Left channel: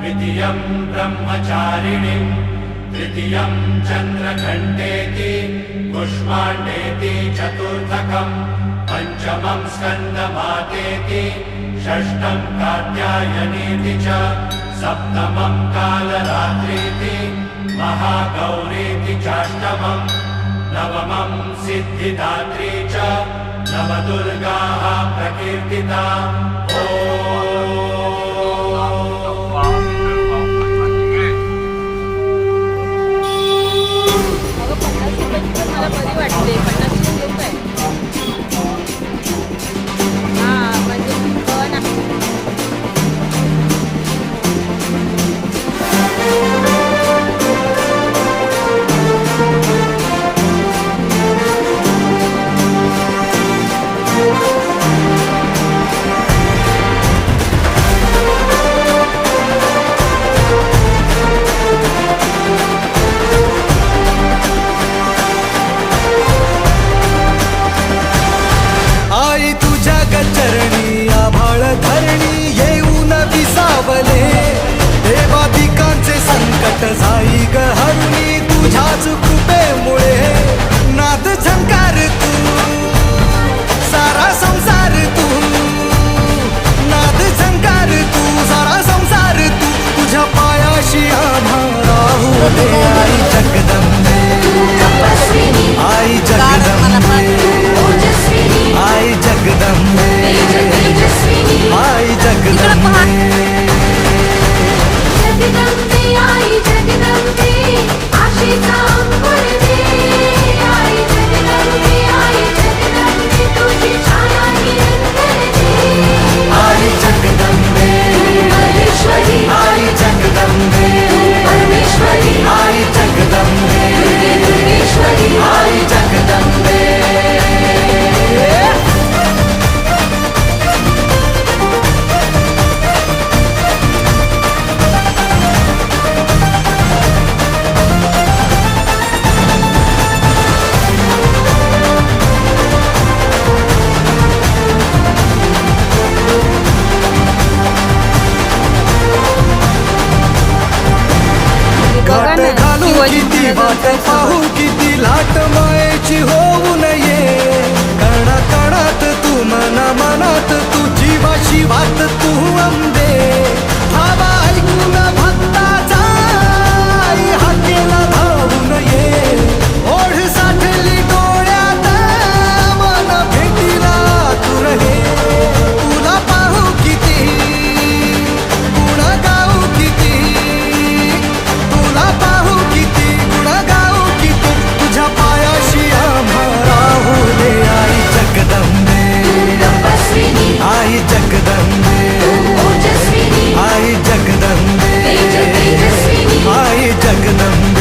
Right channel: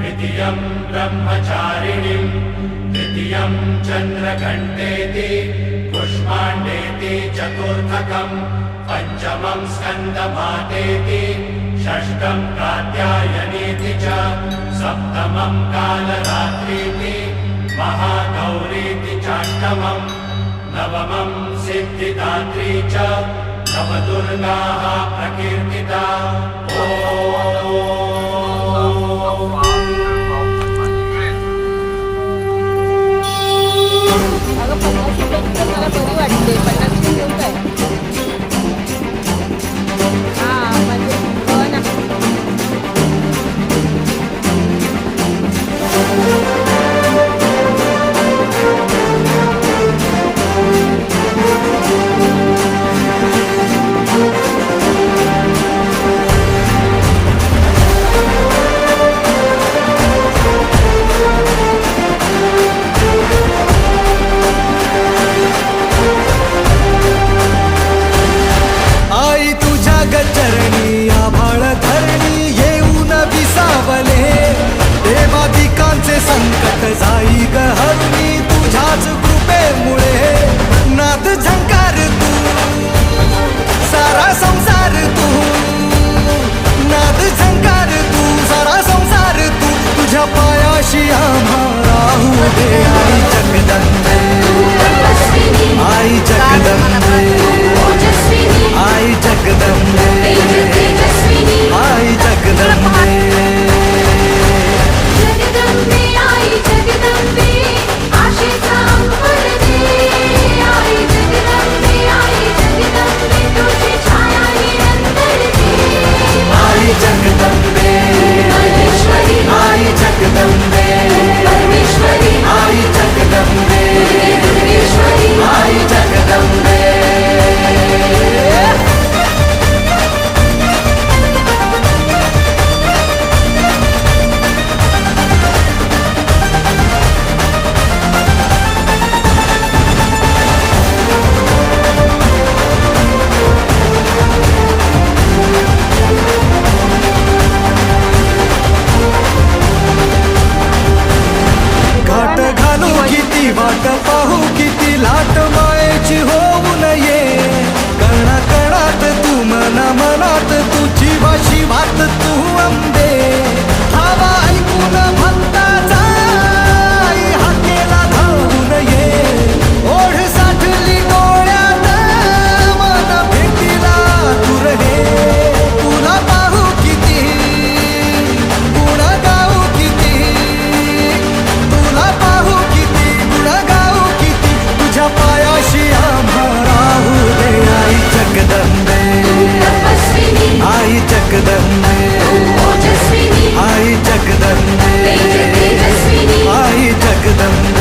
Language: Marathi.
द्वितीयं ब्रह्मचारिणीं तृतीयं चन्द्रघण्टेति कुष्माण्डेति चतुर्थकं पञ्चमं स्कन्दमातेति षष्ठं कात्यायनीति च सप्तमं कालरात्रीति महागौरीति चाष्टमं नवमं सिद्धिदात्री च नवदुर्गाः प्रकीर्तिता। अगं 50 रुपयाची तर मला बरी वाटते. 50 घेऊ काय? हा म्हणजे आई तुझ्या गचरणी आभाळ धरणी येऊन विसावले देवादिकांचे संकट जाई ग हरुणी तुझ्याच कृपेमुळे नाद झंकार तू सारा संसार तू नाद झंकार तू सारा संसार तू तुझ्या पायाशी आम्हा राहू दे आई जगदंबे आई जगदंबे आई जगदंबे आई जगदंबे आई जगदंबे आई जगदंबे आई जगदंबे आई जगदंबे घाट घालू किती वाट पाहू किती लाट मायेची होऊ नये कणा कणात तू मना मनात तू जीवाशी वात तू अंबे धावा ऐकून भक्ताचा आई हाकेला धावू नये ओढ साठली डोळ्यात मन भेटीला तू रहे तुला पाहू किती गुण गाऊ किती तुला पाहू किती गुण गाऊ किती तुझ्या पायाशी आम्हा राहू दे आई जगदंबे आई जगदंबे आई जगदंबे आई जगदंबे